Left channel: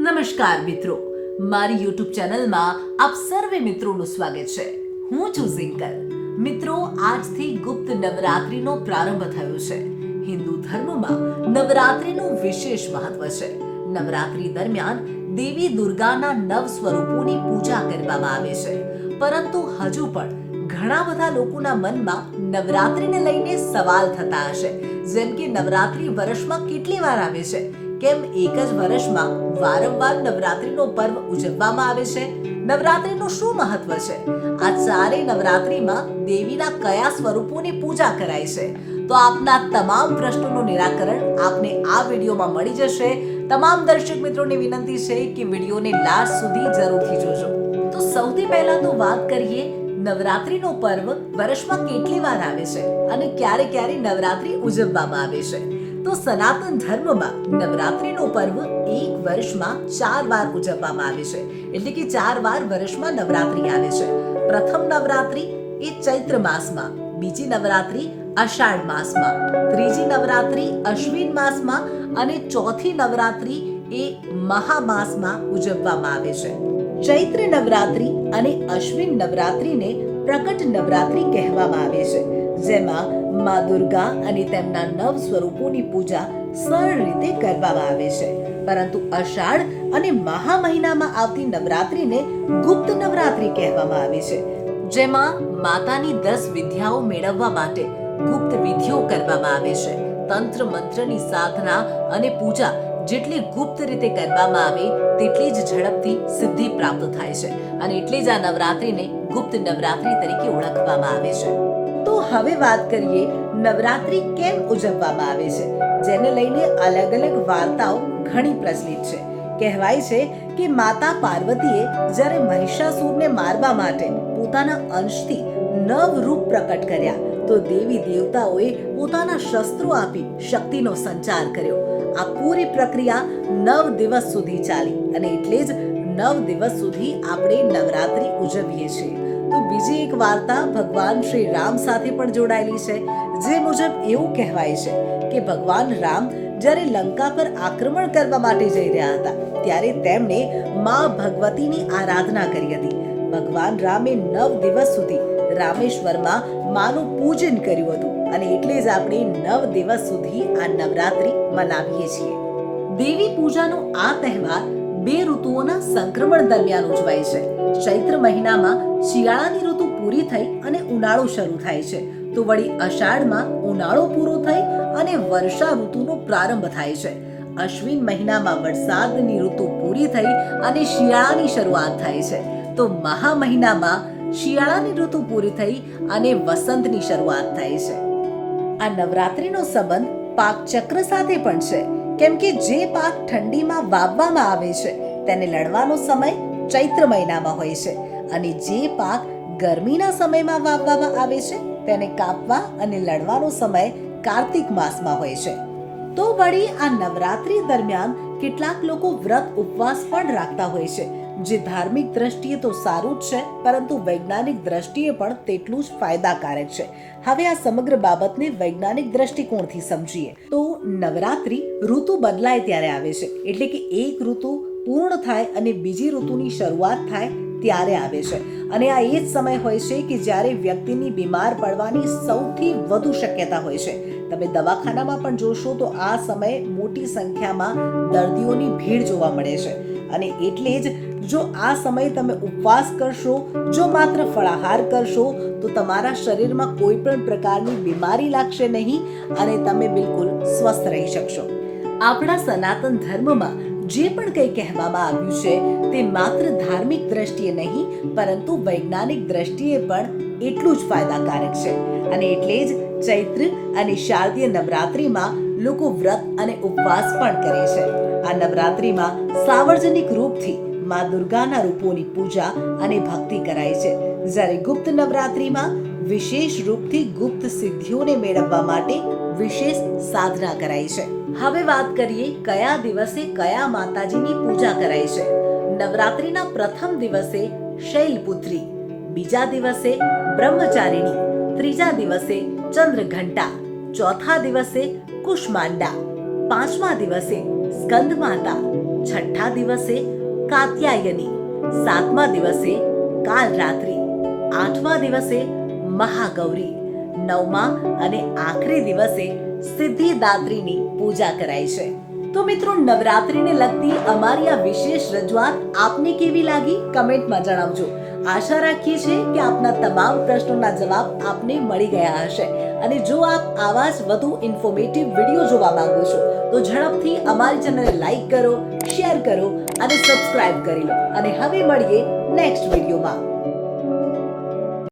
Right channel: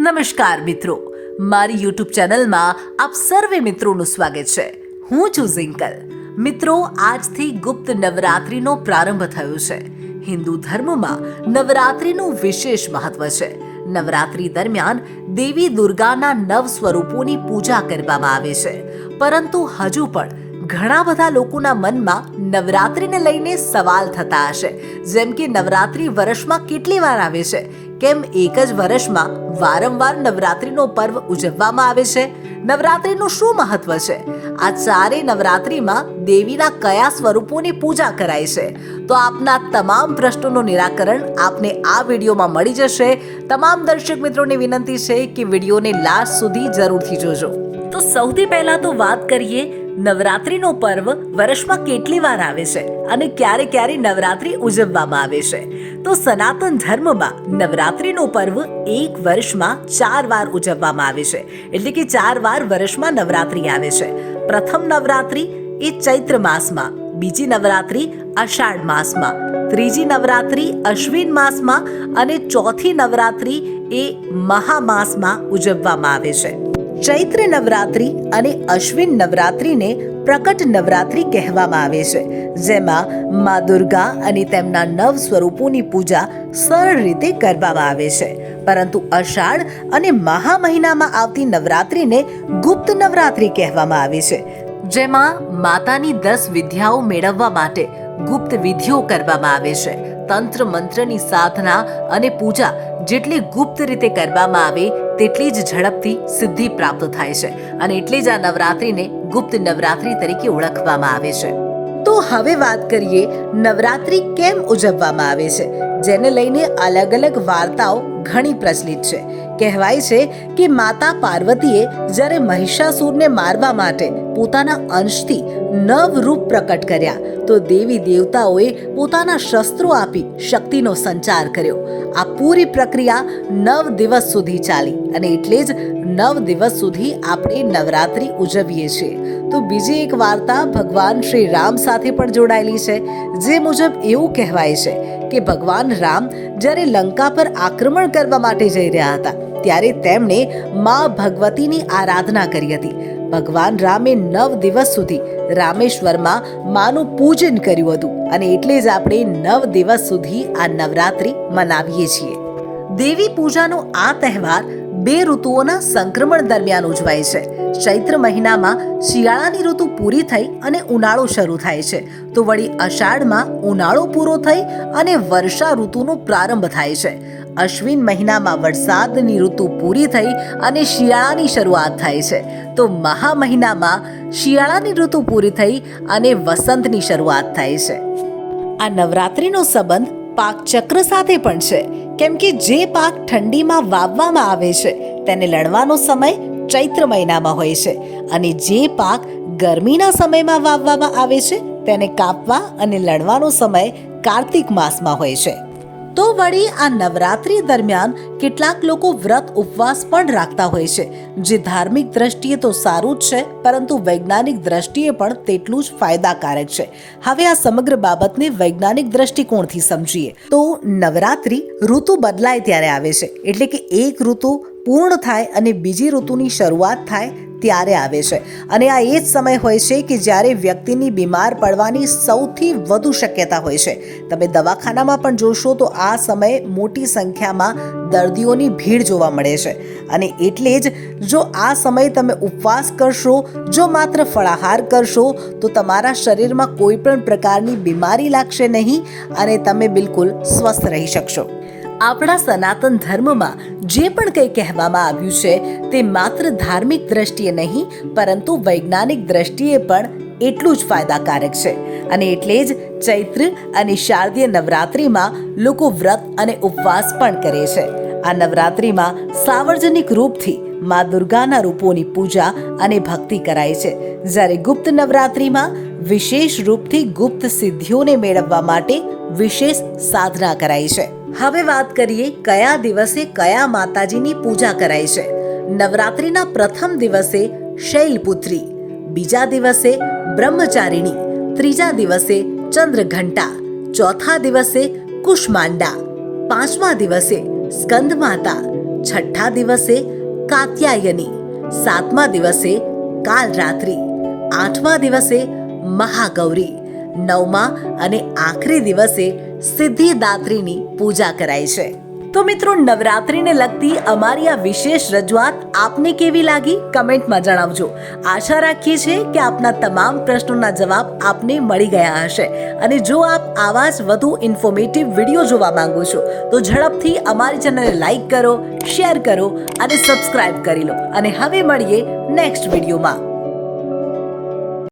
નમસ્કાર મિત્રો, મારી યુટ્યુબ ચેનલમાં આપ સર્વે મિત્રોનું સ્વાગત છે. હું છું ઝિંકલ. મિત્રો, આજથી ગુપ્ત નવરાત્રિનો પ્રારંભ થયો છે. હિન્દુ ધર્મમાં નવરાત્રિનું વિશેષ મહત્વ છે. નવરાત્રિ દરમિયાન દેવી દુર્ગાના નવ સ્વરૂપોની પૂજા કરવામાં આવે છે. પરંતુ હજુ પણ ઘણા બધા લોકોના મનમાં નવરાત્રિને લઈને સવાલ થતા હશે, જેમ કે નવરાત્રિ વર્ષમાં કેટલી વાર આવે છે, કેમ એક જ વર્ષમાં વારંવાર નવરાત્રિનો પર્વ ઉજવવામાં આવે છે, નવરાત્રિનું શું મહત્વ છે, આ ચારેય નવરાત્રિમાં દેવીના કયા સ્વરૂપોની પૂજા કરાય છે. તો આપના તમામ પ્રશ્નોનું નિરાકરણ આપને આ વિડીયોમાં મળી જશે. તમામ દર્શક મિત્રોને વિનંતી છે કે વિડીયોને લાસ્ટ સુધી જરૂરથી જોજો. તો સૌથી પહેલા તો વાત કરીએ નવરાત્રિનો પર્વ વર્ષમાં કેટલી વાર આવે છે અને ક્યારે ક્યારે નવરાત્રિ ઉજવવામાં આવે છે. તો સનાતન ધર્મમાં નવરાત્રિનો પર્વ એક વર્ષમાં 4 વાર ઉજવવામાં આવે છે. એટલે કે 4 વાર વર્ષમાં નવરાત્રિ આવે છે. પ્રથમ નવરાત્રિ એ ચૈત્ર માસમાં, બીજી નવરાત્રિ અષાઢ માસમાં, ત્રીજી નવરાત્રિ અશ્વિન માસમાં અને ચોથી નવરાત્રિ એ મહામાસમાં ઉજવવામાં આવે છે. ચૈત્ર નવરાત્રિ અને અશ્વિન નવરાત્રિને પ્રકટ નવરાત્રિ કહેવામાં આવે છે, જેમાં મા દુર્ગા અને તેમના નવ સ્વરૂપોની પૂજા સરળ રીતે કરવામાં આવે છે. પરંતુ અષાઢ અને મહા મહિનામાં આવતી નવરાત્રિને ગુપ્ત નવરાત્રિ કહેવામાં આવે છે, જેમાં માતાની 10 વિદ્યાઓ મેળવવા માટે ગુપ્ત વિધિઓ કરવામાં આવે છે. તંત્ર મંત્રની સાધના અને પૂજા જેટલી ગુપ્ત રીતે કરવામાં આવે તેટલી જ ઝડપથી સિદ્ધિ પ્રાપ્ત થાય છે, અને એટલે જ આ નવરાત્રિને ગુપ્ત નવરાત્રિ તરીકે ઓળખવામાં આવે છે. તો હવે વાત કરીએ નવરાત્રિ કેમ ઉજવવામાં આવે છે, જેને લઈને અલગ અલગ વાર્તાઓ ઘણી પ્રચલિત છે. કહેવાય છે કે માતા પાર્વતીએ જ્યારે મહિષાસુરને મારવા માટે પોતાના અંશથી 9 રૂપ પ્રકટ કર્યા, તો દેવી દેવતાઓએ પોતાના શસ્ત્રો આપી શક્તિનો સંચાર કર્યો. આ પૂરી પ્રક્રિયા 9 દિવસ સુધી ચાલી, અને એટલે જ 9 દિવસ સુધી આપણે નવરાત્રિ ઉજવીએ છીએ. તો બીજી એક વાર્તા ભગવાન શ્રી રામ સાથે પણ જોડાયેલી છે, જે મુજબ એવું કહેવાય છે કે ભગવાન રામ જ્યારે લંકા પર આક્રમણ કરવા માટે જઈ રહ્યા હતા, ત્યારે તેમણે મા ભગવતીની આરાધના કરી હતી. ભગવાન રામે 9 દિવસ સુધી રામેશ્વરમાં માનું પૂજન કર્યું હતું, અને એટલે જ આપણે 9 દિવસ સુધી આ નવરાત્રિ મનાવીએ છીએ. દેવી પૂજાનો આ તહેવાર 2 ઋતુઓના સંક્રમણ દરમિયાન ઉજવાય છે. ચૈત્ર મહિનામાં શિયાળાની ઋતુ પૂરી થઈ અને ઉનાળો શરૂ થાય છે, તો વળી અષાઢમાં ઉનાળો પૂરો થઈ અને વર્ષા ઋતુનો પ્રારંભ થાય છે. અશ્વિન મહિનામાં વરસાદની ઋતુ પૂરી થઈ અને શિયાળાની શરૂઆત થાય છે, તો મહા મહિનામાં શિયાળાની ઋતુ પૂરી થઈ અને વસંતની શરૂઆત થાય છે. આ નવરાત્રિનો સંબંધ પાક ચક્ર સાથે પણ છે, કેમ કે જે પાક ઠંડીમાં વાવવામાં આવે છે તેને લણવાનો સમય ચૈત્ર મહિનામાં હોય છે, અને જે પાક ગરમીના સમયમાં વાવવામાં આવે છે તેને કાપવા અને લણવાનો સમય કાર્તિક માસમાં હોય છે. તો વળી આ નવરાત્રિ દરમિયાન કેટલાક લોકો વ્રત ઉપવાસ પણ રાખતા હોય છે, જે ધાર્મિક દ્રષ્ટિએ તો સારું જ છે, પરંતુ વૈજ્ઞાનિક દ્રષ્ટિએ પણ તેટલું જ ફાયદાકારક છે. હવે આ સમગ્ર બાબતને વૈજ્ઞાનિક દ્રષ્ટિકોણથી સમજીએ તો નવરાત્રિ ઋતુ બદલાય ત્યારે આવે છે, એટલે કે એક ઋતુ પૂર્ણ થાય અને બીજી ઋતુની શરૂઆત થાય ત્યારે આવે છે. અને આ એ જ સમય હોય છે કે જ્યારે વ્યક્તિની બીમાર પડવાની સૌથી વધુ શક્યતા હોય છે. તમે દવાખાનામાં પણ જોશો તો આ સમયે મોટી સંખ્યામાં દર્દીઓની ભીડ જોવા મળે છે, અને એટલે જ જો આ સમયે તમે ઉપવાસ કરશો, જો માત્ર ફળાહાર કરશો, તો તમારા શરીરમાં કોઈ પણ પ્રકારની બીમારી લાગશે નહીં અને તમે બિલકુલ સ્વસ્થ રહી શકશો. આપણા સનાતન ધર્મમાં જે પણ કંઈ કહેવામાં આવ્યું છે તે માત્ર ધાર્મિક દ્રષ્ટિએ નહીં, પરંતુ વૈજ્ઞાનિક દ્રષ્ટિએ પણ એટલું જ ફાયદાકારક છે. અને એટલે જ ચૈત્ર અને શારદીય નવરાત્રિમાં લોકો વ્રત અને ઉપવાસ પણ કરે છે. આ નવરાત્રિમાં સાર્વજનિક રૂપથી મા દુર્ગાના રૂપોની પૂજા અને ભક્તિ કરાય છે, જ્યારે ગુપ્ત નવરાત્રિમાં વિશેષ રૂપથી ગુપ્ત સિદ્ધિઓને મેળવવા માટે વિશેષ સાધના કરાય છે. હવે વાત કરીએ કયા દિવસે કયા માતાજીની પૂજા કરાય છે. નવરાત્રિના પ્રથમ દિવસે શૈલપુત્રી, બીજા દિવસે બ્રહ્મચારિણી, ત્રીજા દિવસે ચંદ્રઘંટા, ચોથા દિવસે કુષ્માંડા, પાંચમા દિવસે સ્કંદ માતા, છઠ્ઠા દિવસે કાત્યાયની, સાતમા દિવસે કાલરાત્રિ, આઠમા દિવસે મહાગૌરી, નવમા અને આખરી દિવસે સિદ્ધિદાત્રીની પૂજા કરાય છે. તો મિત્રો, નવરાત્રિને લગતી અમારી આ વિશેષ રજૂઆત આપને કેવી લાગી કમેન્ટમાં જણાવજો. આશા રાખીએ છીએ કે આપના તમામ પ્રશ્નોના જવાબ આપને મળી ગયા હશે. અને જો આપ આવા જ વધુ ઇન્ફોર્મેટિવ વિડીયો જોવા માંગો છો તો ઝડપથી અમારી ચેનલને લાઈક કરો, શેર કરો અને સબસ્ક્રાઇબ કરી લો. અને હવે મળીએ નેક્સ્ટ વિડીયોમાં.